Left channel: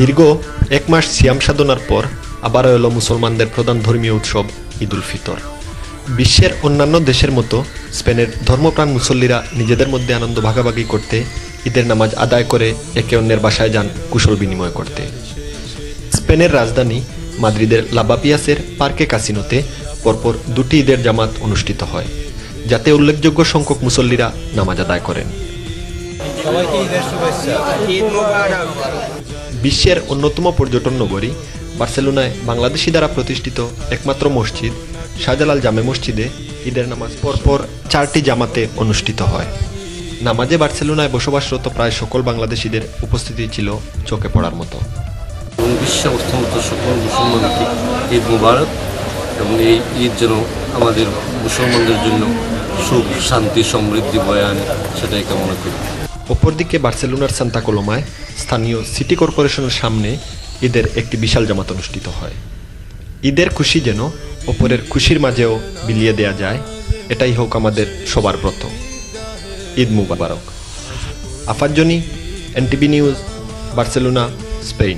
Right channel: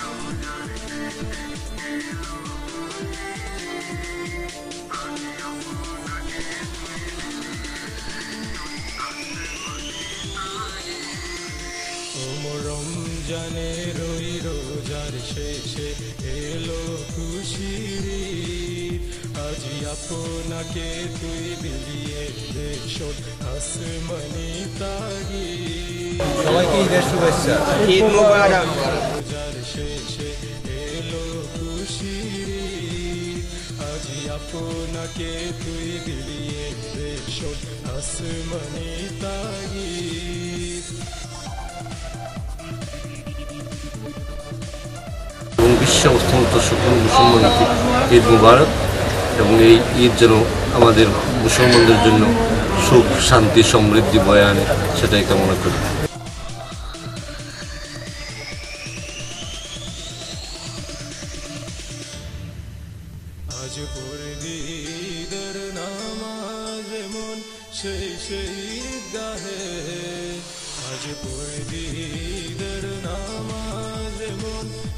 দীর্ঘ এক মাস সিয়াম সাধনার পর আবারও এলো মুসলমানদের প্রধান ধর্মীয় উৎসব ঈদ উল ফিতর। বিশ্বের অন্যান্য দেশের মতো স্পেনের ধর্মপ্রাণ মুসল্লিরা নিজেদের মধ্যে আনন্দ ভাগাভাগি করতে ঈদের নামাজ আদায় করে একে অন্যের বাসায় যান কুশল বিনিময় করতে। স্পেনের রাজধানী মাদ্রিদের লাবাপিয়াসের পার্কে কাসিনোতে পরপর দুটি ঈদের জামাত অনুষ্ঠিত হয়, যাতে উল্লেখযোগ্য সংখ্যক মুসল্লিরা নামাজ আদায় করেন। সবাইকে ঈদের শুভেচ্ছা। ঈদ মোবারক। বিশ্বের অন্যতম পর্যটন নগরী বার্সেলোনায় বাংলাদেশি দ্বারা প্রতিষ্ঠিত একমাত্র মসজিদ শাহজালাল জামে মসজিদে ঈদের নামাজ পরপর 4টি জামাতে অনুষ্ঠিত হয়। নামাজে বার্সেলোনায় বসবাসরত প্রায় সকল বাংলাদেশিদের উপস্থিতি ছিল চোখে পড়ার মতো। এবং বিশ্বে অবস্থানত সকল মুসলমানকে ঈদ মুবারক, এবং এই ঈদ যেন আমাদের মুসলমানদের জন্য সুখ, শান্তি, সমৃদ্ধি বয়ে আনে, সেটাই কামনা করি। অপরদিকে বার্সেলোনার সান্তা কলোমায় স্থানীয় সিটি কর্পোরেশনের সামনে ঈদের একটি বিশাল জামাত অনুষ্ঠিত হয়। ঈদের খুশি যেন অপরের খুশির মাঝেও বিলিয়ে দেয়া যায়, এটাই হোক আমাদের সবার ব্রত। ঈদ মুবারক। আফাজ্জনি, এনটিভি নিউজ, বার্সেলোনা, স্পেন।